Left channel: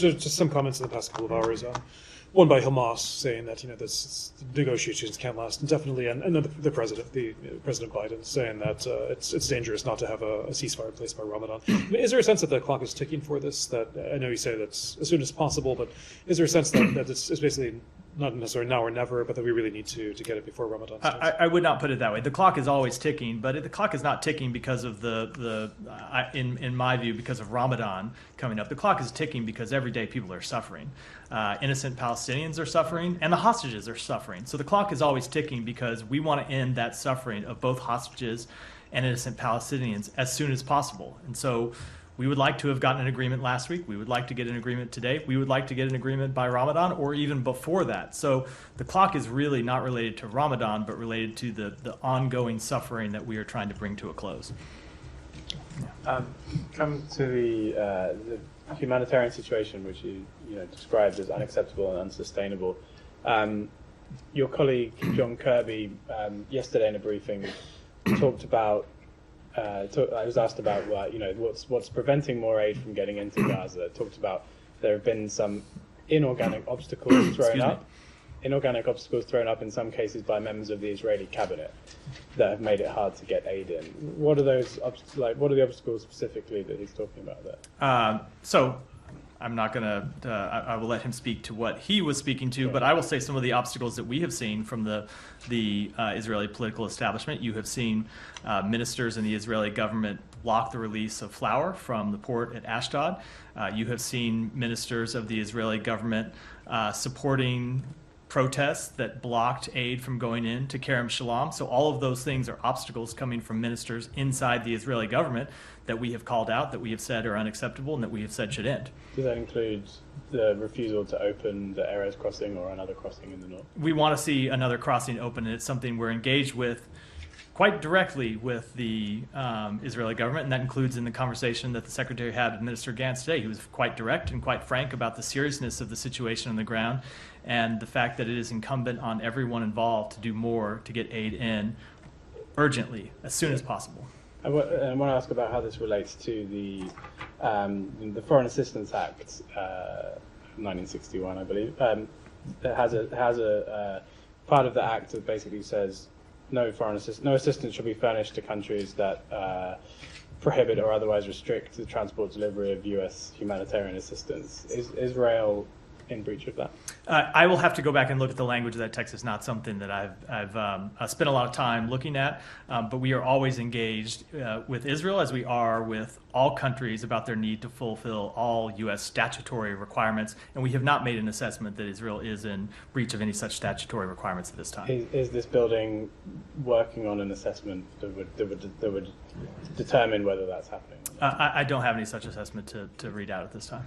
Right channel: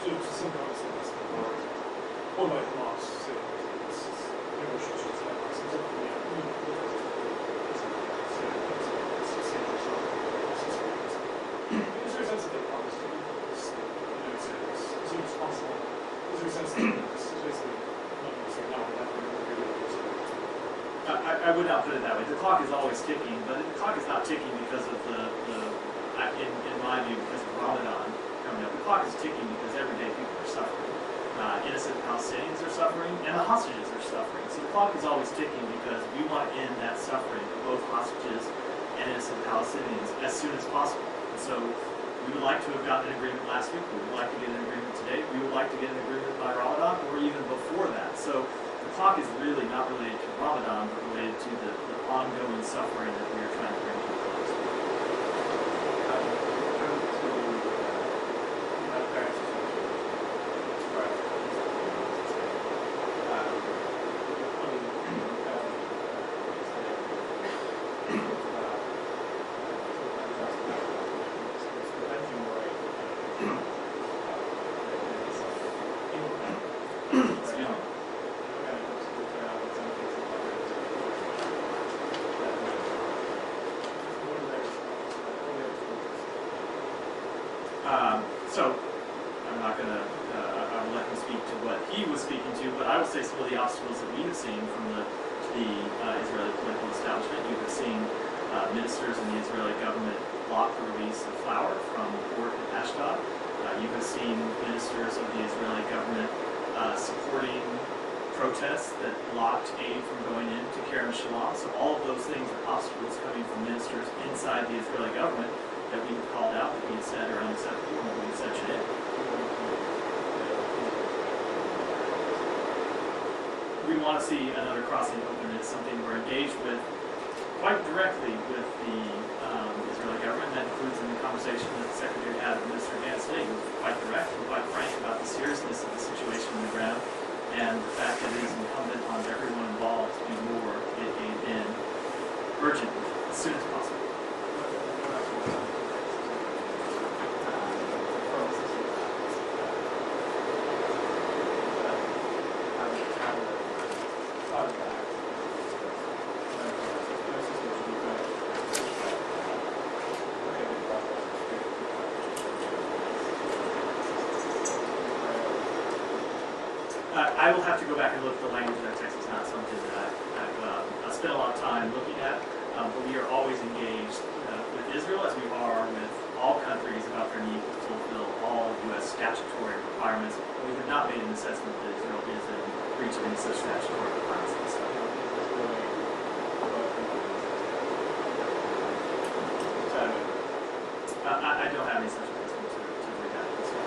just some comments in the past couple of hours. One by Hamas saying that this negotiations can't last indefinitely, and the president, President Biden, saying that it's dangerous not to have a ceasefire in place by Ramadan. I mean, is there a sense that the clock is ticking for this? That I know you say that's as soon as possible, but is there a sense that it's basically not necessarily now or never, but that we really need to get it before Ramadan? I would not put it that way. The clock is always ticking, but the clock is not ticking because of in my view, because of Ramadan coming up. The clock is ticking because every day people are suffering. Innocent Palestinians are suffering, and the hostages are suffering. So the clock is always ticking because we want to end that suffering of both hostages and innocent Palestinians as soon as possible. And so we would like to have gotten an agreement last week. We would like to get an agreement today. We would like to get an agreement by Ramadan or even before that. So the clock is really not related to Ramadan, but related to the ongoing suffering that we are trying to bring to a close. Coming to the humanitarian situation, which you described as unacceptable and unsustainable. Your colleague John Kirby yesterday in a briefing talked about. I was asked about what's preventing more aid from getting into Gaza. It talks about there have been some inorganic obstacles thrown up. Inorganic obstacles thrown up in some cases by members of the Israeli cabinet that have made it hard to get aid in. What are those obstacles like? What are the obstacles specifically that he's talking about? So I'm not going to, I will let him speak to what he was speaking to, but I will say some of the obstacles that we have seen from the Israeli political establishment. You have seen ministers in the Israeli government block the release of flour from the port at Ashdod. You have seen ministers of the Israeli government supporting protests that blocked aid from going into Kerem Shalom. So all of those things are obstacles coming from ministers inside the Israeli government that we have called out, that we have said are unacceptable, and that we have said should end. Does that include the refusal to open the Erez crossing? We want to see another crossing open, and it's something we're engaged with quite directly with the Israeli government, and that includes in the conversation that the Secretary had with Minister Gantz today. He was quite direct and quite frank about the seriousness of the situation on the ground and the fact that it is incumbent on everyone involved to do more to get aid in urgently, as soon as possible. I want to ask about how this relates to the Foreign Assistance Act, 1961, I believe. It has a part of the act that basically says no assistance should be furnished to countries that prohibit or otherwise restrict the transport delivery of U.S. humanitarian assistance. Is Israel in breach of that? I will have to go back and look at the language of that text. It's not something that I've spent a lot of time looking at, but we are always engaged with Israel, as we are with all countries, about their need to fulfill all U.S. statutory requirements, and we have not made an assessment that Israel is in breach of any such statutory requirements at this time. Is this building working on an assessment that would determine whether that's happening? I don't have any such assessment to read out at this time.